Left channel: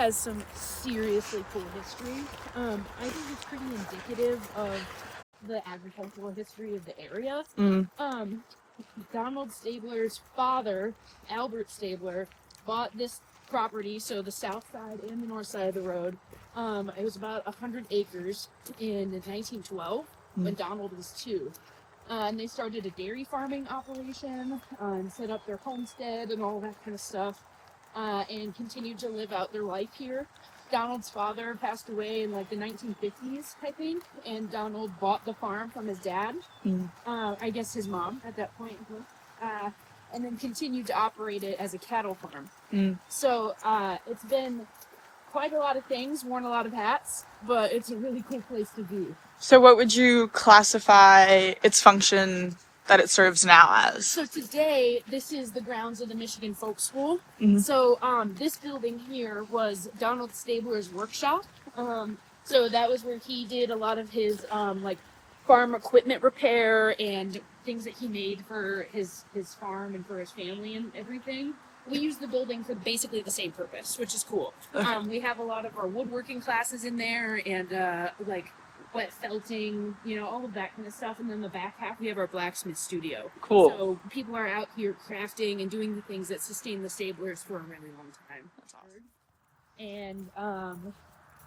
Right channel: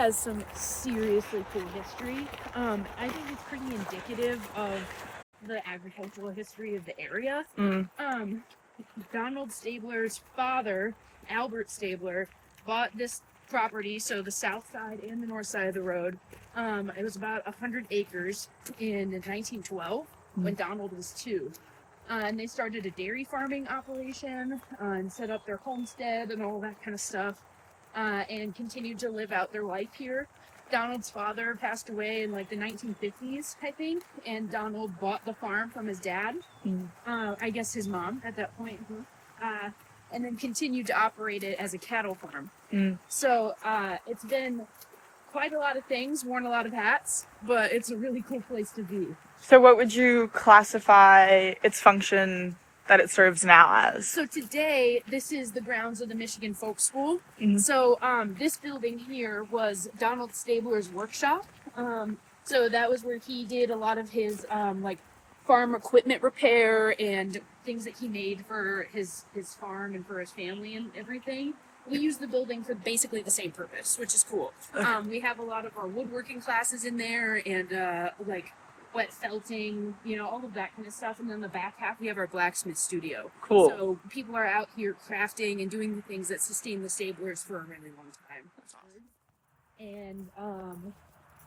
has some seriously cool history. I think it's pretty indicative of the agricultural history of the area. Donald Stabler's father, Albert Stabler, bought this property, so the south side and the north side of the road. It was about 100 acres in 1912 when Donald was 2. And they started a dairy farming operation and set up their homestead and all that kind of stuff, and continued to live out their life here. Donald's father passed away in like the 1950s, I think, and Donald bought the farm from his dad, I guess his mom at that point, and then continued to operate it as a cattle farm. So it's been quite a lot of things, worn a lot of hats, but it's a really cool place to be. So what would you classify its function that it serves now as? So today, this is the grounds of the Michigan Folk School. So this building here was Donald Stabler's workshop. So that was where he did a lot of his like farm equipment repair and things that he made for his farm and for his family and everything. We use the building for basically the same purpose, which is cool. We have a lot of our woodworking classes in there and like wet felting, you know, all of that kind of stuff. And then the back half, we have our blacksmith studio. Cool. So people are out here crafting and doing the things that sustain the Stablers for a really long time. That's awesome. And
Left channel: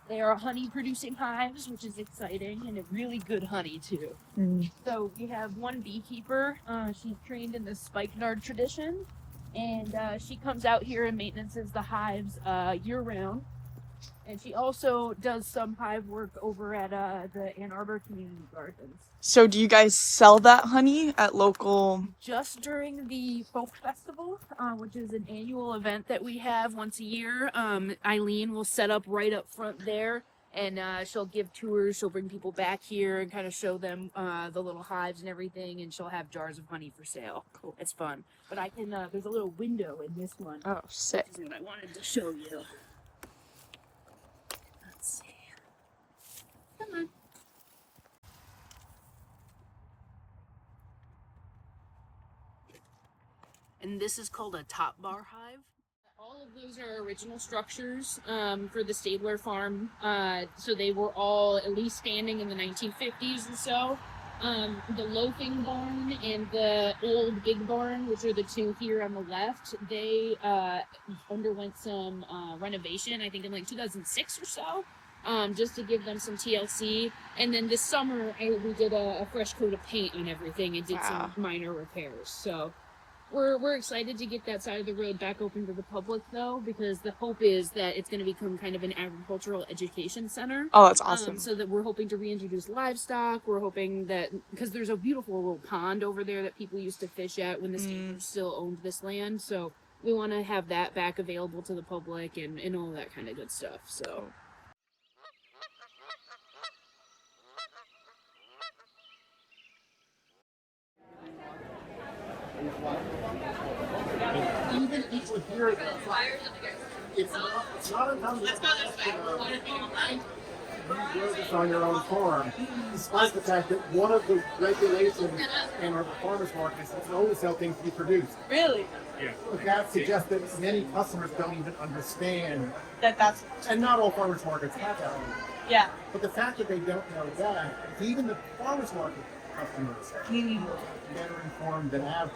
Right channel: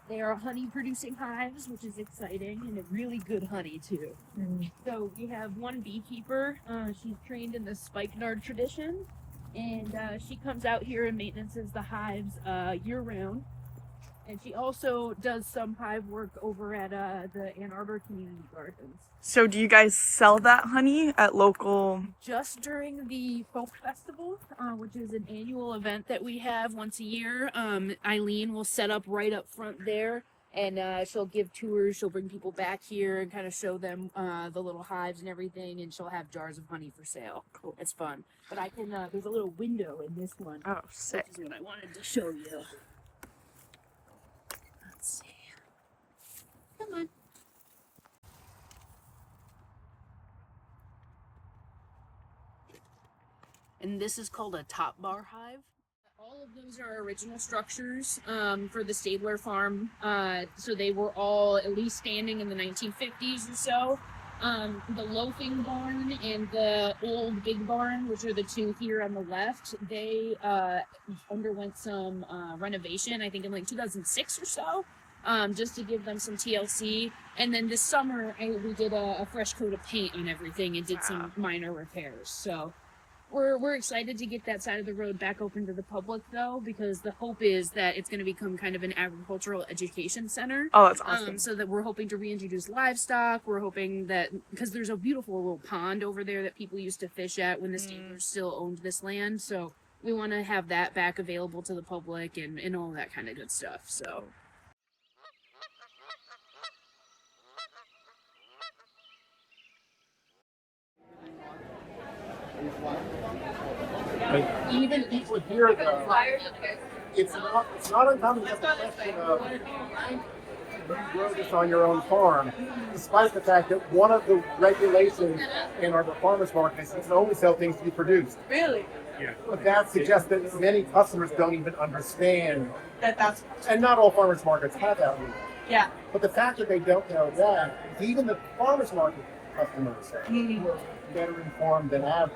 they are honey producing hives, which is exciting, and a really good honey too. So we have one beekeeper. She's trained in the spikenard tradition, and she comes out here and maintenances the hives year round. And she also does some hive work over at the Ann Arbor Community Gardens. So do you guys sell that honey at local? Just during the Folk Festival, which is an annual event that we have once a year, Eileen will set up right up front there, and she'll give tours. She'll bring people back here and kind of show them the little hives and everything, and she'll have jars of honey for sale. Cool. It's fun. But I can, there's a little window in this one. Oh, sick. Which is what I wanted to show you. Let's see. Come on. And this is called a top bar hive. All of those are original structures for the Stabler farm. So they were all at least standing in the 1950s and so. The loafing barn and the old big barn, which are the two here on the left, they underwent some renovation, I think in like 2006 or so, just to give them some TLC. And then this summer, we did a fresh coat of paint on everything and did some minor repairs. So we're excited to get that side of the road back open to the public, though, because the hope is that it's going to become kind of an agricultural education center. Oh, that's awesome. So that we're hoping to reintroduce livestock. We're hoping that, because there's a beautiful little pond over there that people used to fish at when the Stablers still owned this land. So we want to have that back available to the public and all that kind of good stuff. So. Even people here, it's not uncommon to have the question of you grow this on your own farm, despite the fact that one of the regulations in our farmers market is you can only sell things you produce. Really? Yeah. But that suggests that many customers don't even understand That's and not all farmers markets have that rule. yeah. But the fact that they don't know that, even the farmers market customers who are better informed than average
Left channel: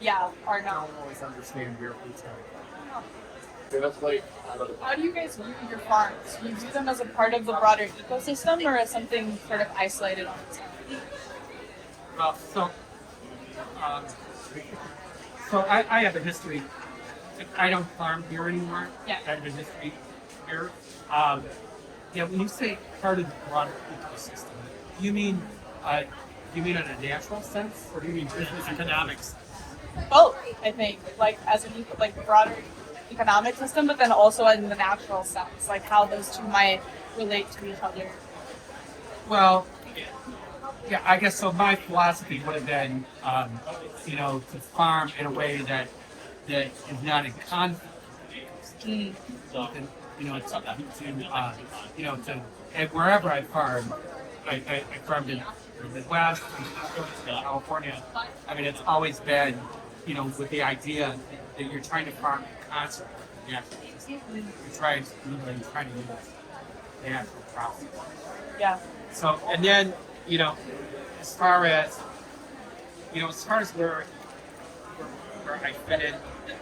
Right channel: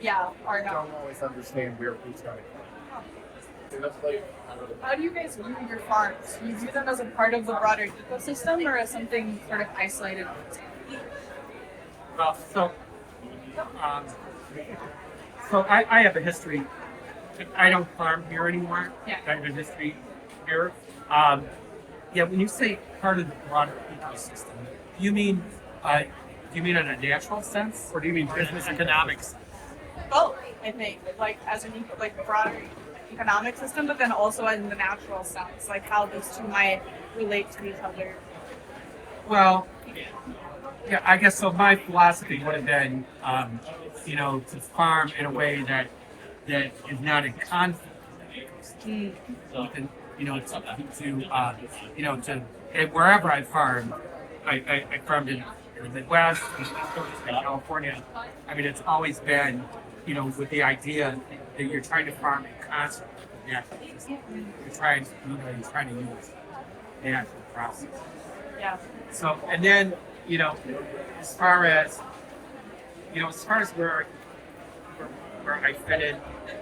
Yeah. Or no. don't always understand where food's coming from. How do you guys view your farms? Do you view them as a part of the broader ecosystem or as something sort of isolated on its own? Well, so I have a history. I don't farm here anymore. Yeah. I have a history here. Yeah, when you say part of the broader ecosystem, you mean in a natural sense, or do you mean business economics? Both, I think, like as an like broader economic system, but then also in the natural sense, like how those two might relate to each other. Well, yeah, I guess so. My philosophy would have been, to farm in a way that is not in conflict. And, and wherever I farmed, I farmed in the Midwest, in California. I mean, it's always been, with the idea that you're trying to farm in concert with the natural We try, trying to use the natural process. Yeah. So, and then, as far as where I fit in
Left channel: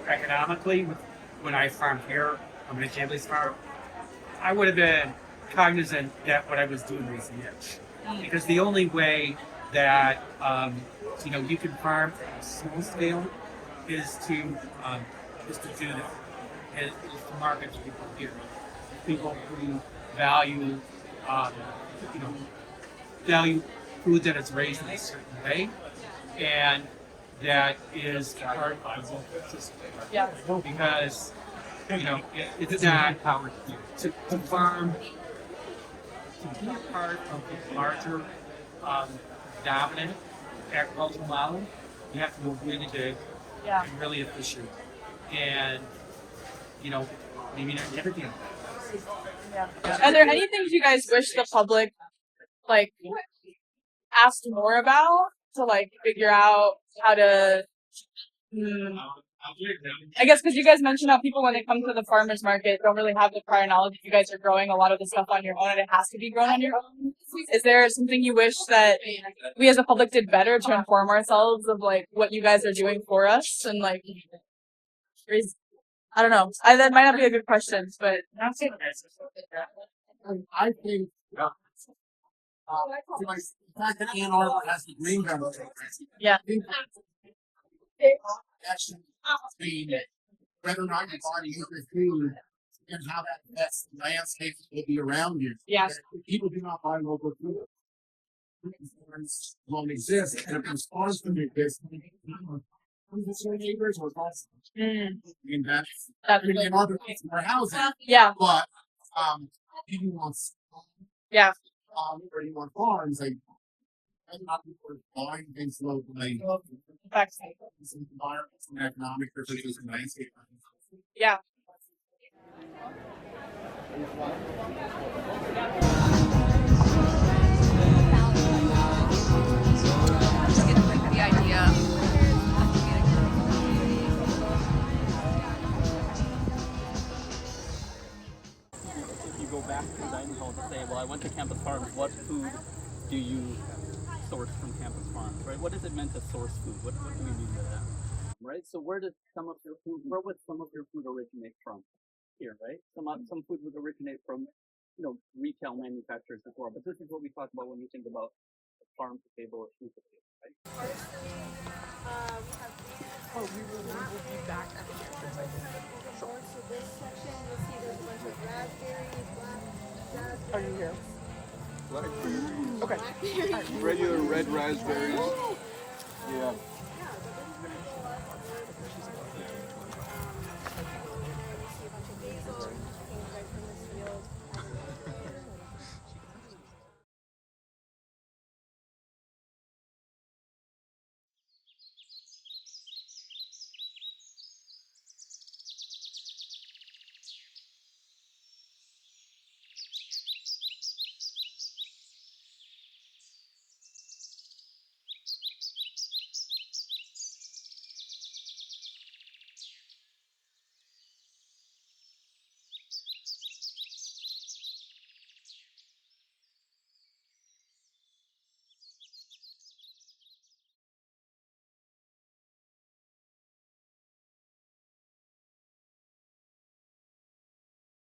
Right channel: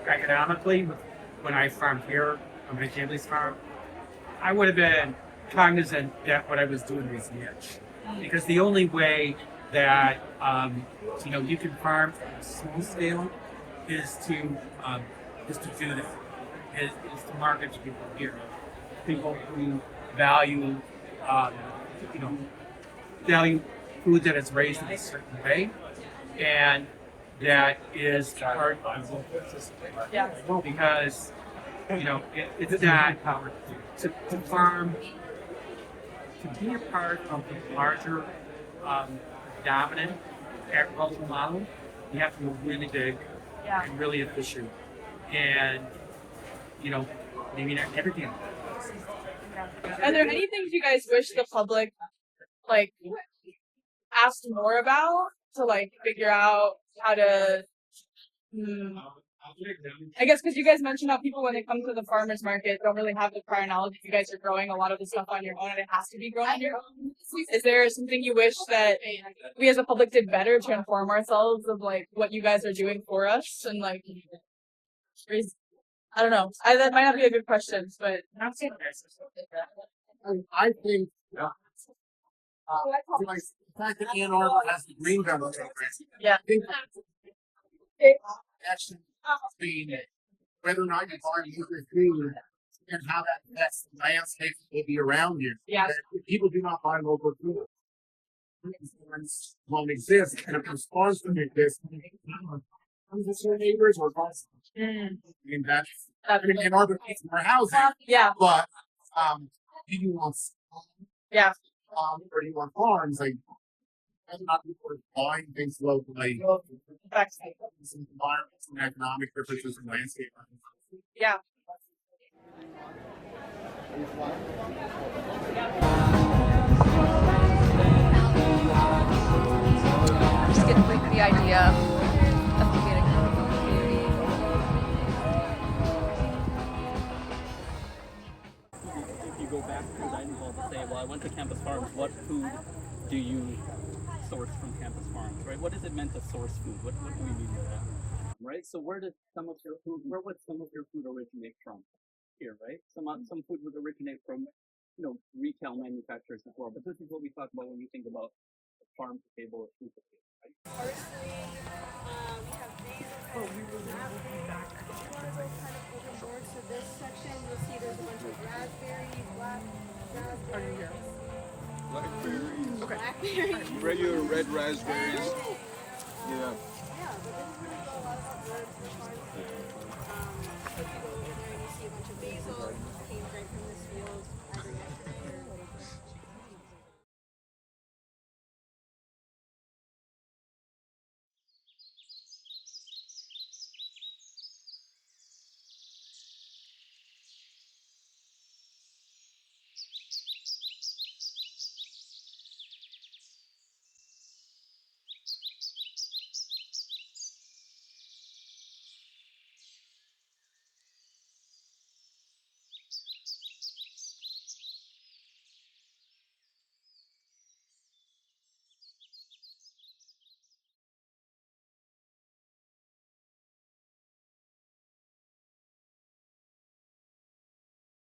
economically when I farmed here on my family's farm, I would have been cognizant that what I was doing was niche. Because the only way that you can farm on a small scale is to do that, is to market to people here. People who value value food that is raised in a certain way, and that is part of the local system. Yeah. Because it's not to farm, to be a part of the larger dominant agricultural model. You have to move really big and really efficient, and maybe not everything. Yeah. Are there any things you guys wish the public asked more about to figure out how to? I guess because you guys mentioned how people, when they come to the farmers market, don't really have the prior knowledge that you guys are growing a lot of the stuff on your own, and it has to be grown on your own. Is there something you wish that we as a public did better to inform ourselves of what you guys are doing for us? And I don't know. That might not be a good question, but I think the fact that Ann Arbor has the green belt program. yeah. I think actually between whether or not you buy nutrient food and how that affects the landscape that will be around you. Yeah. If people do not buy local food, won't exist, and if response to this, your neighbors or customers. I mean, Ann Arbor needs more housing. Yeah. But do you want Yeah. or do you want farms? Whether or not people are buying things locally, some environments and economic differences in landscape. Yeah. Just get the idea of communicating. If you go back to the dining hall to say, well, I went to Campus Farms, what food do you source from Campus Farms, right? What is it meant to source food? What do we mean by that, right? So where would some of your food originate from? Here, right? Some food would originate from, retail manufacturers as well. But this is what we talk about when we think about farm to table or food to table, right? We have basil not back. If you want to go kind of over more to this section, you'll see there's a bunch of raspberries, black raspberries. Okay. Regular red raspberries. Yeah. Yeah, but this is really a lot of good for farm food. If you go over there and you see a bunch of basil,